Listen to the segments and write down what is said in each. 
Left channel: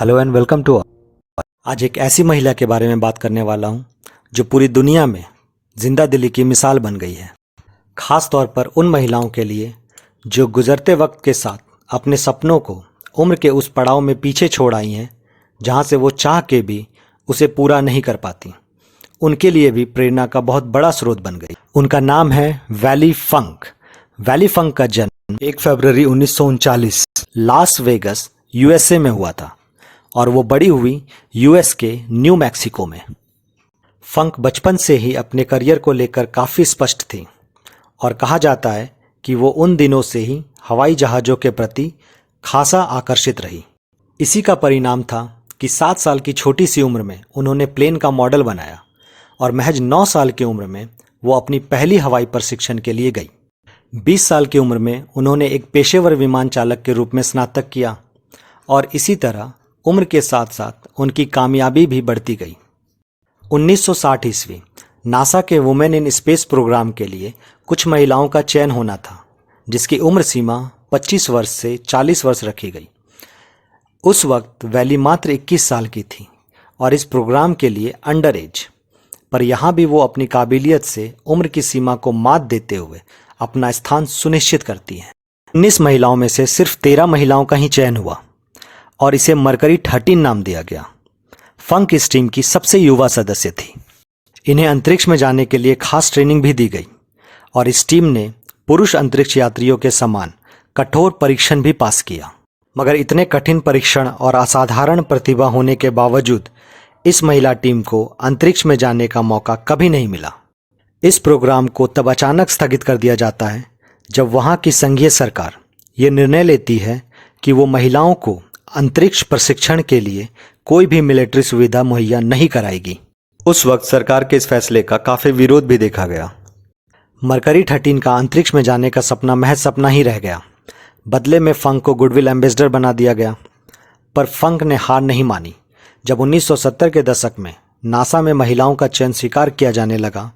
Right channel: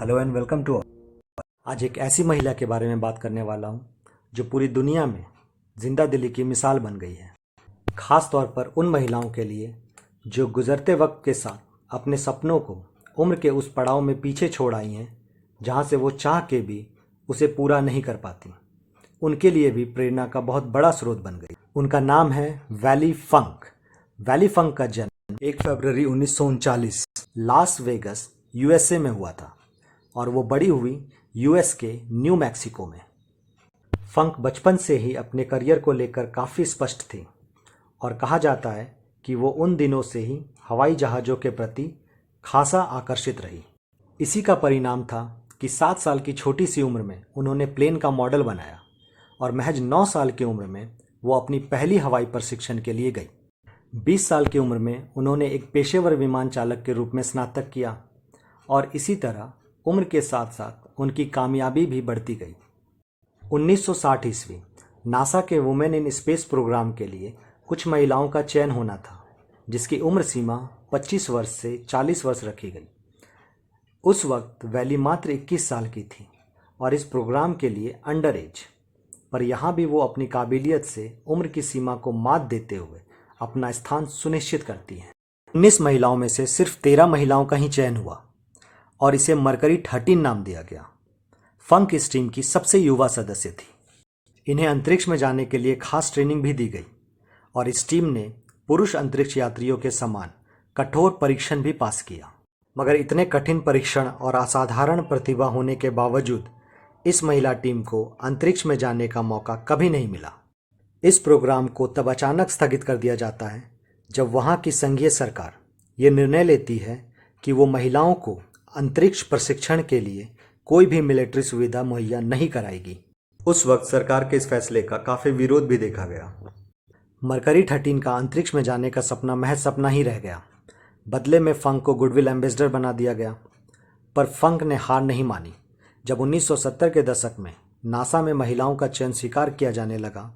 Hello and welcome to. आज एक ऐसी महिला के बारे में बात करने वाला हूँ जो पूरी दुनिया में जिंदा दिली की मिसाल बन गई है। खास तौर पर उन महिलाओं के लिए जो गुजरते वक्त के साथ अपने सपनों को उम्र के उस पड़ाव में पीछे छोड़ आई हैं जहाँ से वो चाह के भी उसे पूरा नहीं कर पाती। उनके लिए भी प्रेरणा का बहुत बड़ा स्रोत बन गई। उनका नाम है वैली फंक। वैली फंक का जन्म 1 फरवरी 1939 लास वेगस यूएसए में हुआ था और वो बड़ी हुई यूएस के न्यू मैक्सिको में। फंक बचपन से ही अपने करियर को लेकर काफ़ी स्पष्ट थी और कहा जाता है कि वो उन दिनों से ही हवाई जहाज़ों के प्रति खासा आकर्षित रही। इसी का परिणाम था कि 7 साल की छोटी सी उम्र में उन्होंने प्लेन का मॉडल बनाया और महज 9 साल की उम्र में वो अपनी पहली हवाई प्रशिक्षण के लिए गई। 20 साल की उम्र में उन्होंने एक पेशेवर विमान चालक के रूप में स्नातक किया और इसी तरह उम्र के साथ साथ उनकी कामयाबी भी बढ़ती गई। 1960 ईस्वी नासा के वुमेन इन स्पेस प्रोग्राम के लिए कुछ महिलाओं का चयन होना था जिसकी उम्र सीमा 25 वर्ष से 40 वर्ष रखी गई। उस वक्त वैली मात्र 21 साल की थी और इस प्रोग्राम के लिए अंडर एज, पर यहाँ भी वो अपनी काबिलियत से उम्र की सीमा को मात देते हुए अपना स्थान सुनिश्चित करती हैं। 19 महिलाओं में से सिर्फ 13 महिलाओं का ही चयन हुआ और इसे मरकरी 13 नाम दिया गया। फंक इस टीम की सबसे युवा सदस्य थी। इन्हें अंतरिक्ष में जाने के लिए खास ट्रेनिंग भी दी गई और इस टीम ने पुरुष अंतरिक्ष यात्रियों के समान कठोर परीक्षण भी पास किया। मगर इतने कठिन परीक्षण और असाधारण प्रतिभा होने के बावजूद इस महिला टीम को अंतरिक्ष में जाने का मौका कभी नहीं मिला। इस प्रोग्राम को तब अचानक स्थगित कर दिया जाता है जब वहाँ की संघीय सरकार ये निर्णय लेती है कि वो महिलाओं को अंतरिक्ष प्रशिक्षण के लिए कोई भी मिलिट्री सुविधा मुहैया नहीं कराएगी। उस वक्त सरकार के इस फैसले का काफ़ी विरोध भी देखा गया। मरकरी 13 का अंतरिक्ष में जाने का सपना महज सपना ही रह गया। बदले में फंक को गुडविल एम्बेसडर बना दिया गया। पर फंक ने हार नहीं मानी। जब 1970 के दशक में नासा में महिलाओं का चयन स्वीकार किया जाने लगा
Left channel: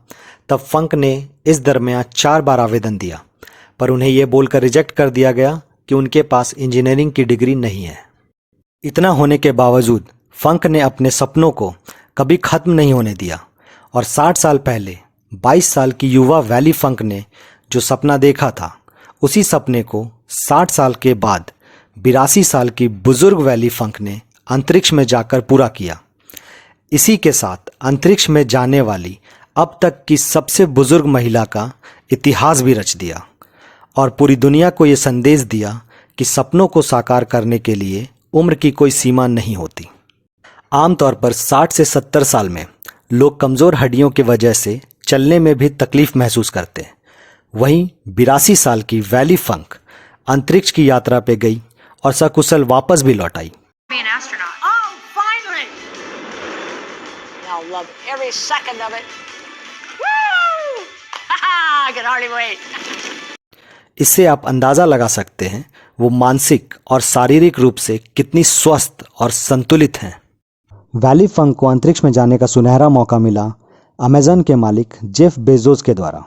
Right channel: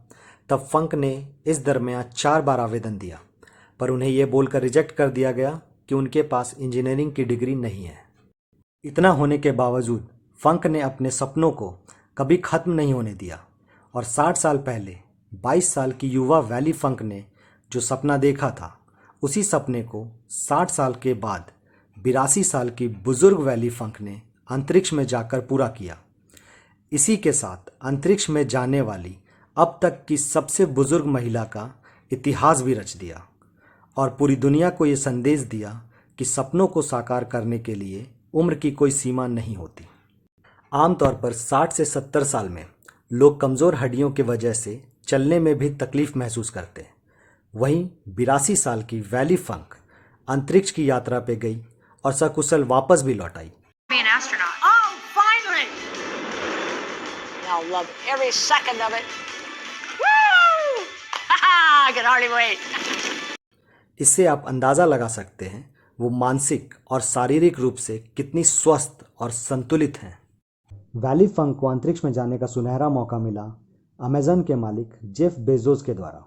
तब फंक ने इस दरमियान 4 बार आवेदन दिया, पर उन्हें यह बोलकर रिजेक्ट कर दिया गया कि उनके पास इंजीनियरिंग की डिग्री नहीं है। इतना होने के बावजूद फंक ने अपने सपनों को कभी खत्म नहीं होने दिया और 60 साल पहले 22 साल की युवा वैली फंक ने जो सपना देखा था उसी सपने को 60 साल के बाद 82 साल की बुजुर्ग वैली फंक ने अंतरिक्ष में जाकर पूरा किया। इसी के साथ अंतरिक्ष में जाने वाली अब तक की सबसे बुजुर्ग महिला का इतिहास भी रच दिया और पूरी दुनिया को ये संदेश दिया कि सपनों को साकार करने के लिए उम्र की कोई सीमा नहीं होती। आमतौर पर 60 से 70 साल में लोग कमज़ोर हड्डियों की वजह से चलने में भी तकलीफ महसूस करते हैं। वहीं 82 साल की वैली फंक अंतरिक्ष की यात्रा पे गई और सकुशल वापस भी लौट आई। Be an astronaut. Oh, finally! I'll love every second of it. Woo! I can hardly wait. इससे आप अंदाज़ा लगा सकते हैं वो मानसिक और शारीरिक रूप से कितनी स्वस्थ और संतुलित हैं। वैली फंक को अंतरिक्ष में जाने का सुनहरा मौका मिला अमेज़न के मालिक जेफ बेजोस के द्वारा।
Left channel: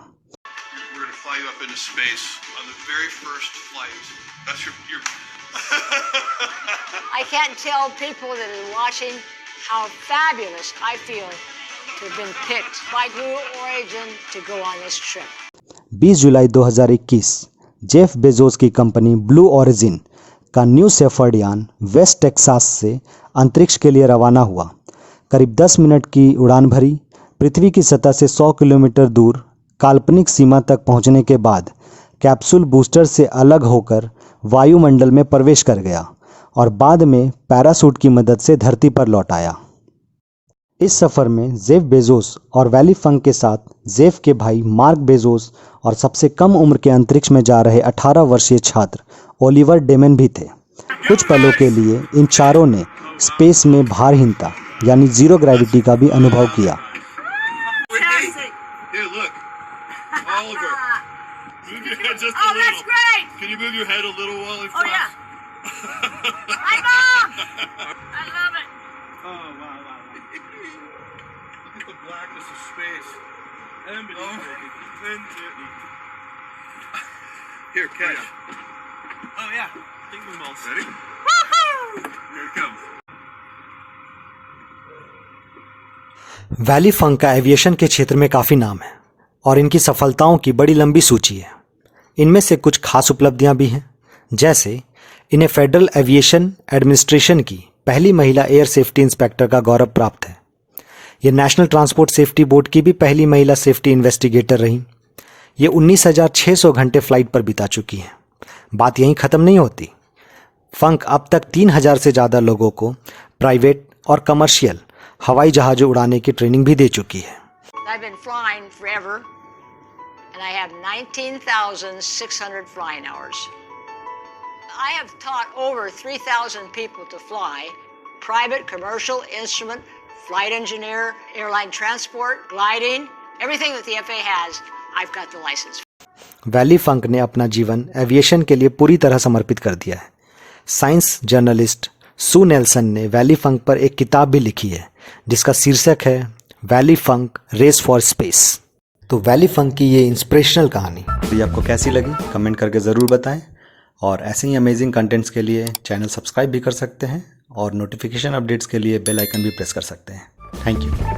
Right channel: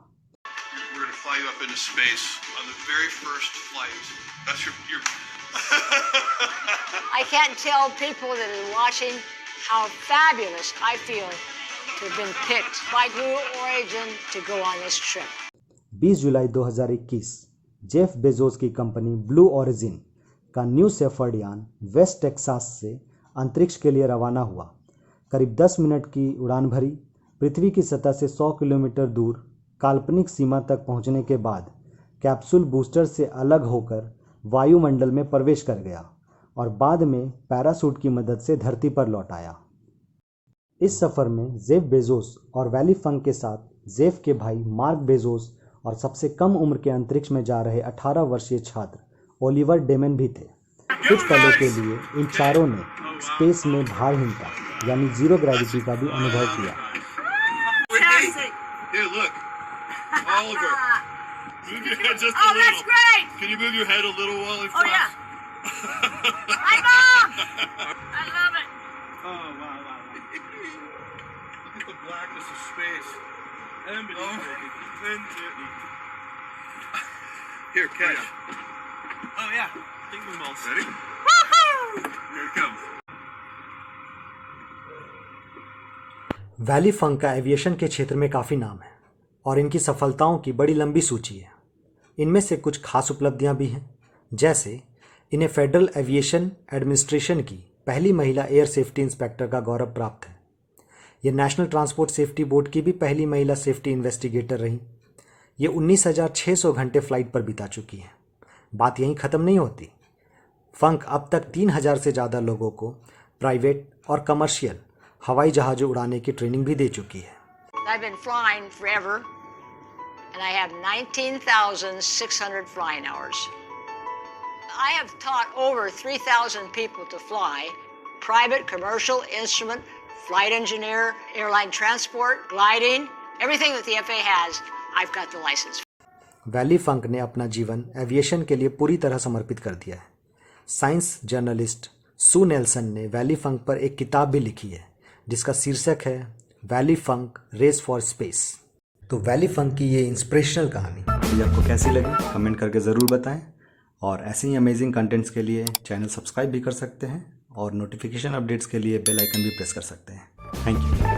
I can't tell people that are watching how fabulous I feel to have been picked by Blue Origin to go on this trip. 20 July 2021 Jeff Bezos की कंपनी ब्लू ओरिजिन का new shepherd यान West Texas से अंतरिक्ष के लिए रवाना हुआ। करीब 10 मिनट की उड़ान भरी। पृथ्वी की सतह से 100 किलोमीटर दूर काल्पनिक सीमा तक पहुंचने के बाद कैप्सूल बूस्टर से अलग होकर वायुमंडल में प्रवेश कर गया और बाद में पैराशूट की मदद से धरती पर लौट आया। इस सफ़र में जेफ बेजोस और वैली फंक के साथ जेफ के भाई मार्क बेजोस और सबसे कम उम्र के अंतरिक्ष में जा रहे 18 वर्षीय छात्र ओलिवर डेमन भी थे। कुछ पलों के लिए इन चारों ने स्पेस में भारहीनता यानी जीरो ग्रेविटी का भी अनुभव किया। Here, catch. Oh yeah, Ding Dong Balls. Ready? Woohoo! Here it comes. Wally Funk का एविएशन के क्षेत्र में काफ़ी नाम है और इनकी सफलताओं की बड़ी लंबी सूची है। इनमें से कुछ खास उपलब्धियां भी हैं, जैसे इन्हें फेडरल एविएशन एडमिनिस्ट्रेशन की पहली महिला एयर सेफ्टी इंस्पेक्टर का गौरव प्राप्त है। ये नेशनल ट्रांसपोर्ट सेफ्टी बोर्ड की भी पहली महिला सेफ्टी इन्वेस्टिगेटर रहीं। ये 19,600 घंटे फ्लाइट पर बिता चुकी हैं। बात यहीं ख़त्म नहीं होती। फंक अब तक 3,000 से ज़्यादा लोगों को प्राइवेट और कमर्शियल हवाई जहाज़ों उड़ाने की ट्रेनिंग भी दे चुकी है। I've been flying forever, and I have 19,600 flying hours. I have taught over 3,000 people to fly, private, commercial, instrument, flight engineer, airline transport, gliding, everything that the FAA has, I've got the license. Wally Funk ने अपना जीवन aviation के लिए पूरी तरह समर्पित कर दिया है। साइंस जर्नलिस्ट सू नेल्सन ने वैली फंक पर एक किताब भी लिखी है जिसका शीर्षक है Wally Funk race for space. तो वैली फंक की ये इंस्पिरेशनल कहानी तो ये आपको कैसी लगी कमेंट करके ज़रूर बताएं और ऐसे ही अमेजिंग कंटेंट्स के लिए चैनल सब्सक्राइब भी कर सकते हैं और नोटिफिकेशन अपडेट्स के लिए बेल आइकन भी प्रेस कर सकते हैं। Thank you.